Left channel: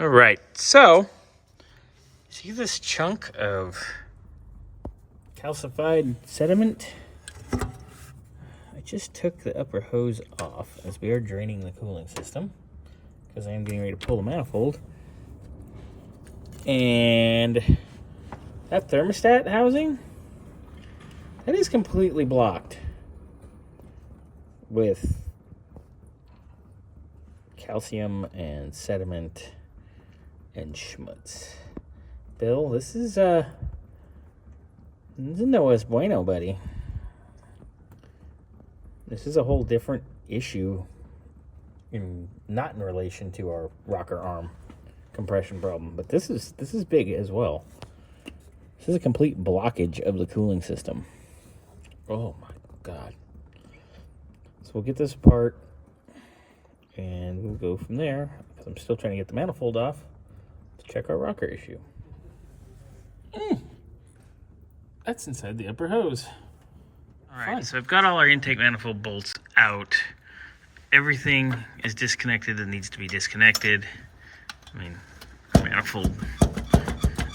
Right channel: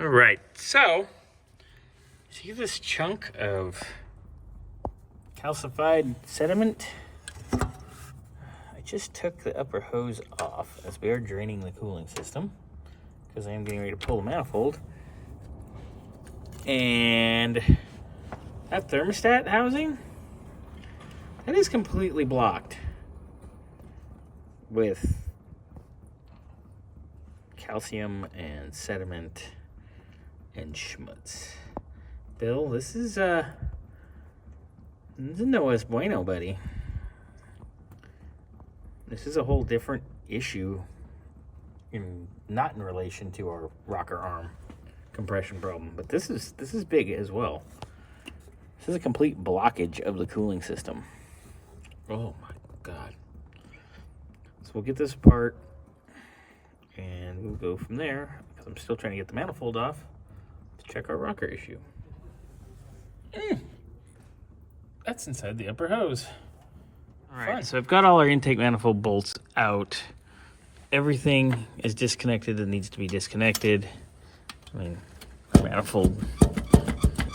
All right, so see this chunk of calcified sediment? I just took the upper hose off as we are draining the cooling system because I am getting ready to pull the manifold. And that thermostat housing, that is completely blocked with calcium and sediment and schmutz. Bill, this is no es bueno, buddy. This is a whole different issue, not in relation to our rocker arm compression problem, but this is big as well. This is a complete blockage of the cooling system. Oh my God. So we'll get this apart and we'll go from there, because I'm still trying to get the manifold off to check our rocker issue. That's inside the upper hose. All right, so I've got all our intake manifold bolts out. Everything is disconnected that needs to be disconnected. I mean, our manifold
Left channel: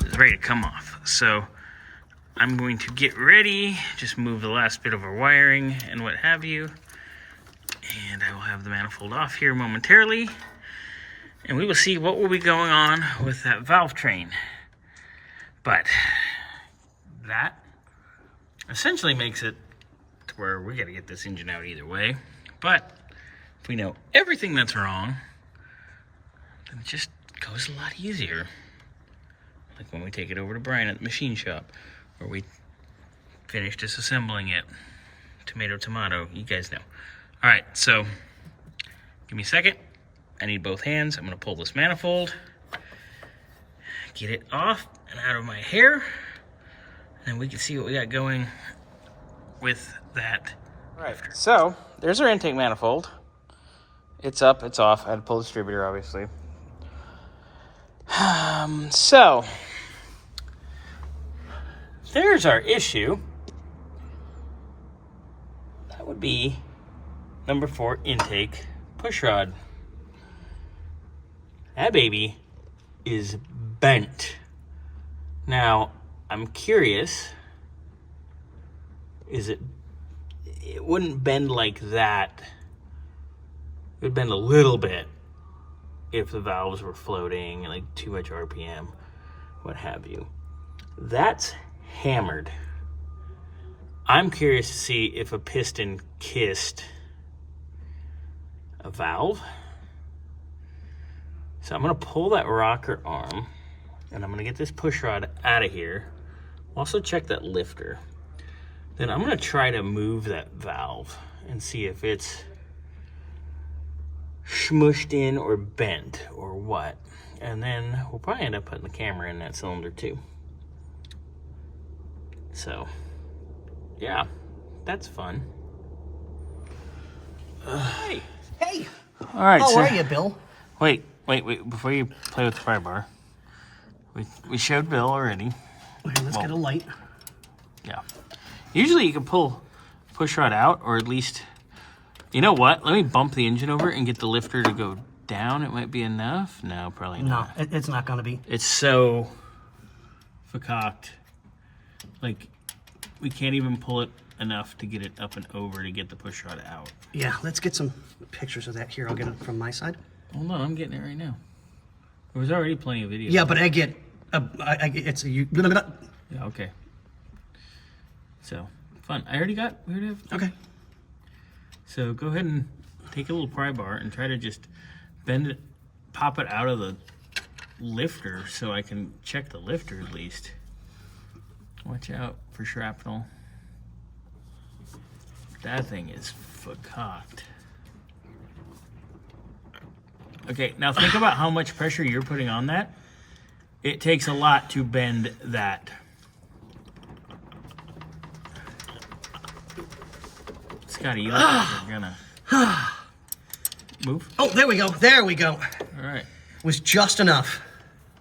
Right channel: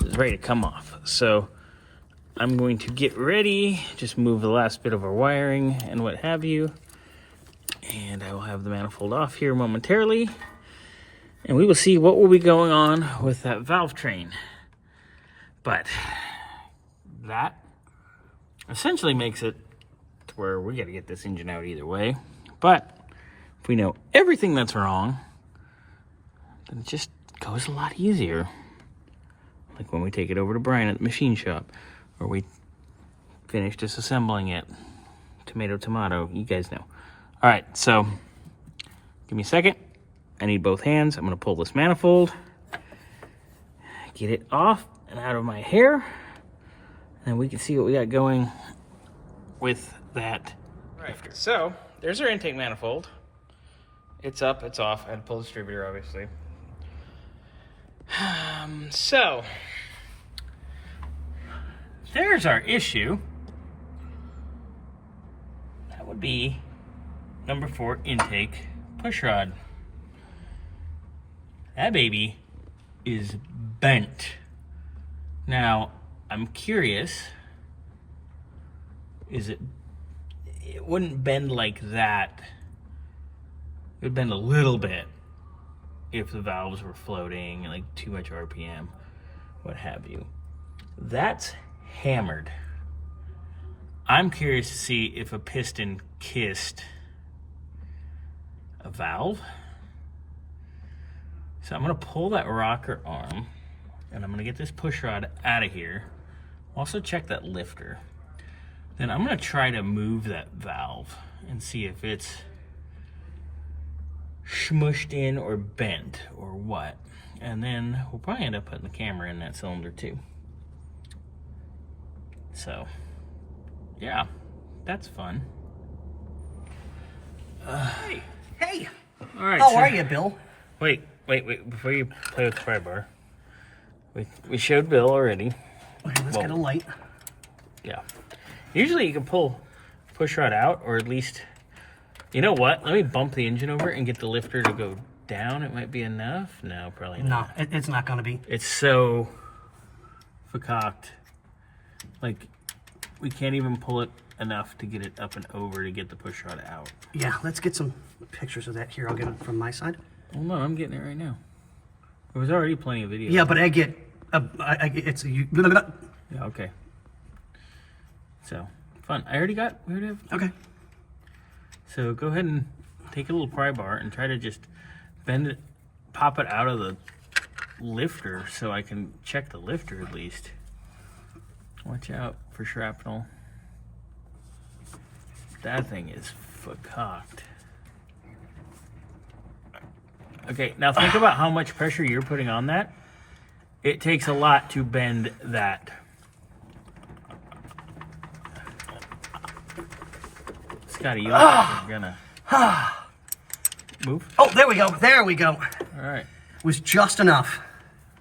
is ready to come off. So I'm going to get ready, just move the last bit of our wiring and what have you. And I will have the manifold off here momentarily. And we will see what will be going on with that valve train. But that essentially makes it to where we got to get this engine out either way. But if we know everything that's wrong, then it just goes a lot easier. Like when we take it over to Brian at the machine shop, or we finish disassembling it. Tomato, tomato, you guys know. All right, so give me a second. I need both hands. I'm gonna pull this manifold, get it off and out of my hair, and then we can see what we got going with that. All right, so there's our intake manifold. It's up, it's off. I had to pull the distributor, obviously. So there's our issue. That would be number 4 intake pushrod. That baby is bent. Now, I'm curious, it wouldn't bend like that. It would bend a little bit if the valves were floating, like too much RPM, what have you. That's hammered. I'm curious to see if a piston kissed a valve. So I'm gonna pull that rocker arm and I'm gonna get this push rod out of here. Also check that lifter. Then I'm gonna try to move that valve and see if it's smushed in or bent or what. And then we'll probably end up putting the camera in that cylinder too. So, yeah, that's fun. Hey. All right. How are you, Bill? Wait. Before you play with the pry bar, we showed Bill already. Okay, let's get a light. Yeah. Usually you can pull push rod out, or at least, you know what? Let me bump the engine over and get the lifter to go down. It might be enough. No, probably not. No, it's not going to be. It's so fakaked. Like, we can't even pull it enough to get it up and over to get the push rod out. Yeah, let's get some pictures of that here. I'll get it from my side. Oh no, I'm getting it right now. There was already plenty of video. Yeah, but I get, it's you. Yeah, okay. So, fun. We already have. Okay. So go ahead and take a little pry bar and try to just bend it, pop it out of the lifter so I can check the lifter at least. Watch out for shrapnel. That thing is fakaked. Okay, now think about how much pressure you're putting on that. It takes a lot to bend that. Scotty, you look like you're gonna move. Oh, there we go. There we go. All right. Was just enough.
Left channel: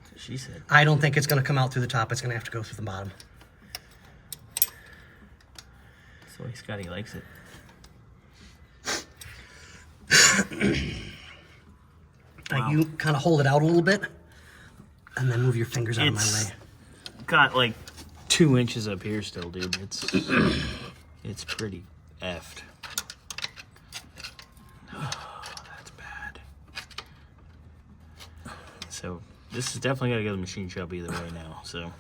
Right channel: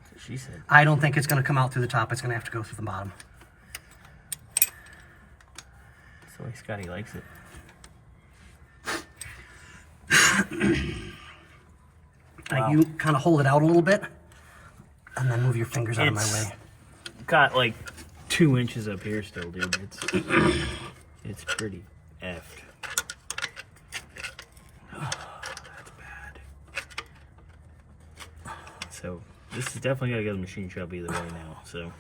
That's what she said. I don't think it's going to come out through the top. It's going to have to go through the bottom. That's the way Scotty likes it. You kind of hold it out a little bit. And then move your fingers out of my way. Got like 2 inches up here still, dude. It's pretty effed. Oh, that's bad. So this is definitely gotta go to the machine shop either way now. So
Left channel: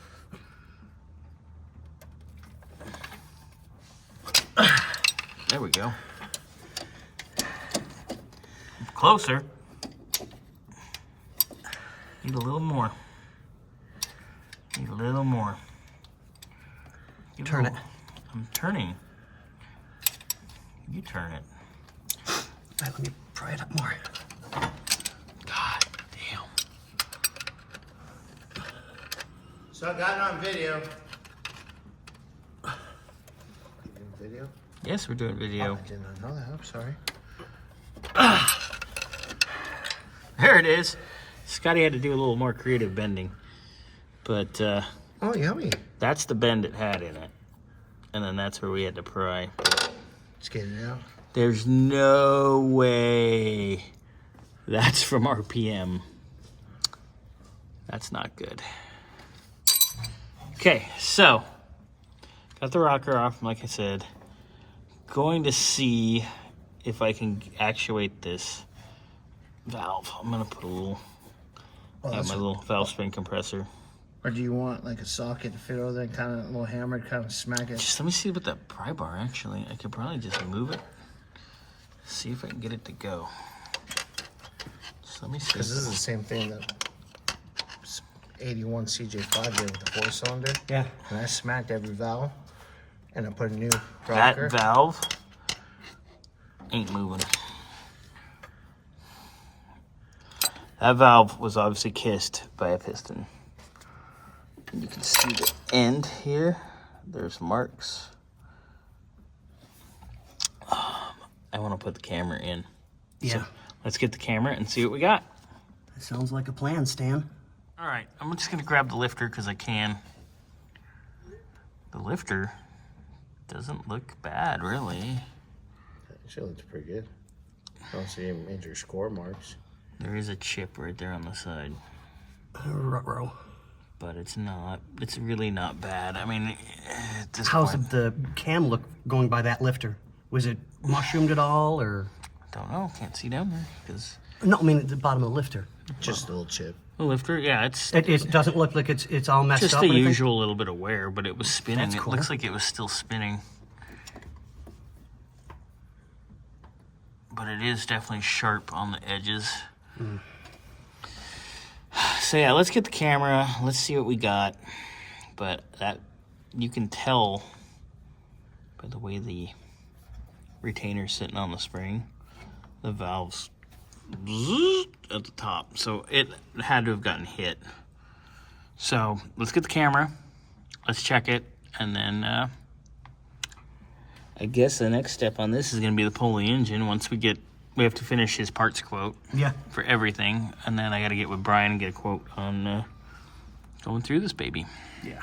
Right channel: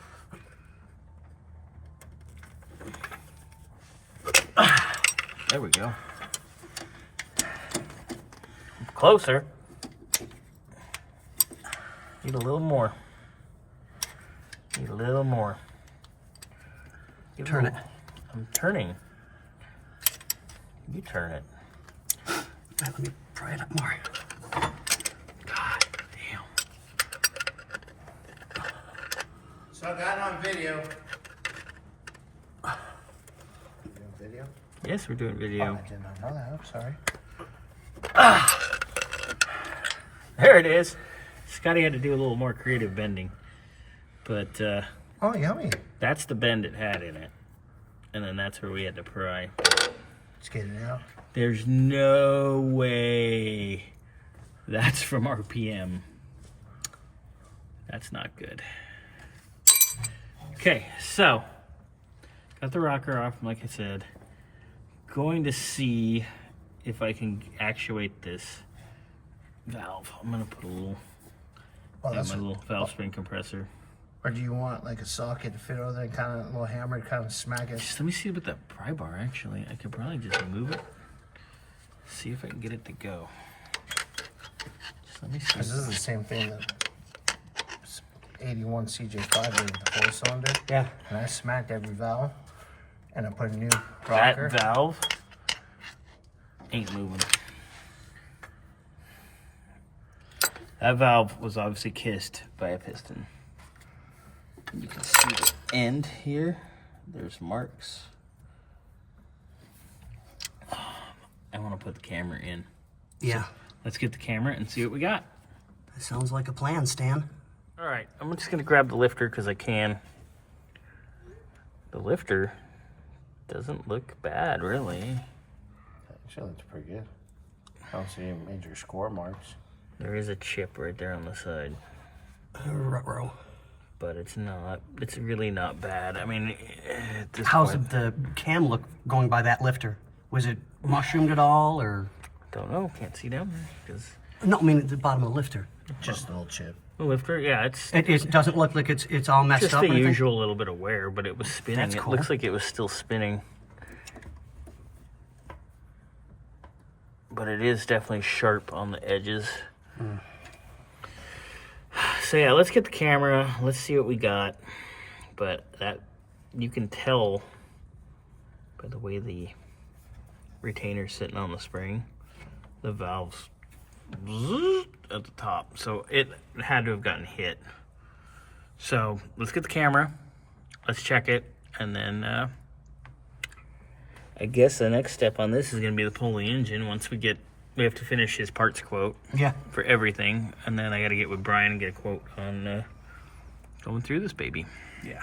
there we go. Closer. Need a little more. Need a little more. Turn it. I'm turning. You turn it. Let me pry it up more. God damn. So I got it on video. You doing video? Yes, we're doing video. Oh, I did not know that. I'm sorry. There it is. Scotty had to do a little more creative bending. But Oh, yummy. that's the bend it had in it. And then that's where we had to pry. Just getting it out. There's no way that's from RPM. That's not good. Okay, so got the rocker off, like I said. Going to see if I can actuate this valve. I'm gonna put a little, my little valve spring compressor. Or do you want like a socket to fit over there and kind of a little hammer to kind of smack it? Just let me see about that pry bar, actually. I could probably just move it. See if I can get it to go. Just let me see. Because this is the same thing that 81 CJ5 did with the 4-cylinder. Yeah. And I smacked every valve and I put a new That rocker. valve ain't moving. That valve was obviously kissed by a piston. You can see the end here. There's marks. I want to put the camera in. Yeah. Let's get the camera and see what we got. That sounds like a plan, Stan. All right, I'm just gonna grab the lifter because I can. The lifter doesn't look bad, really. Actually looks pretty good. I don't see any major score marks. There is a chip right there on the side, Ruh-roh. but it's not. It's really not bad. I mean, at this How's point, the cam look going by that lifter? Was it mushroomed at all, or? don't know. Can't see down there because No, I mean at the bottom of the lifter. Just a little chip. the lifter. Yeah, it's It doesn't look like it's all messed just up. the or anything? usual little bit of wear, but it was spinning. That's It cool. looks like it was still spinning, but it is definitely sharp on the edges. So yeah, let's get the camera. Let's see what we got. But that you can tell by the way the retainer's sitting on the spring, the valve's at the top, so it had to have gotten hit. So let's get the camera, let's check it, and then I guess the next step on this is going to be to pull the engine. Once we have to finish his parts quote Yeah. for everything, and then I got to get with Brian and get a quote on going through this baby. Yeah.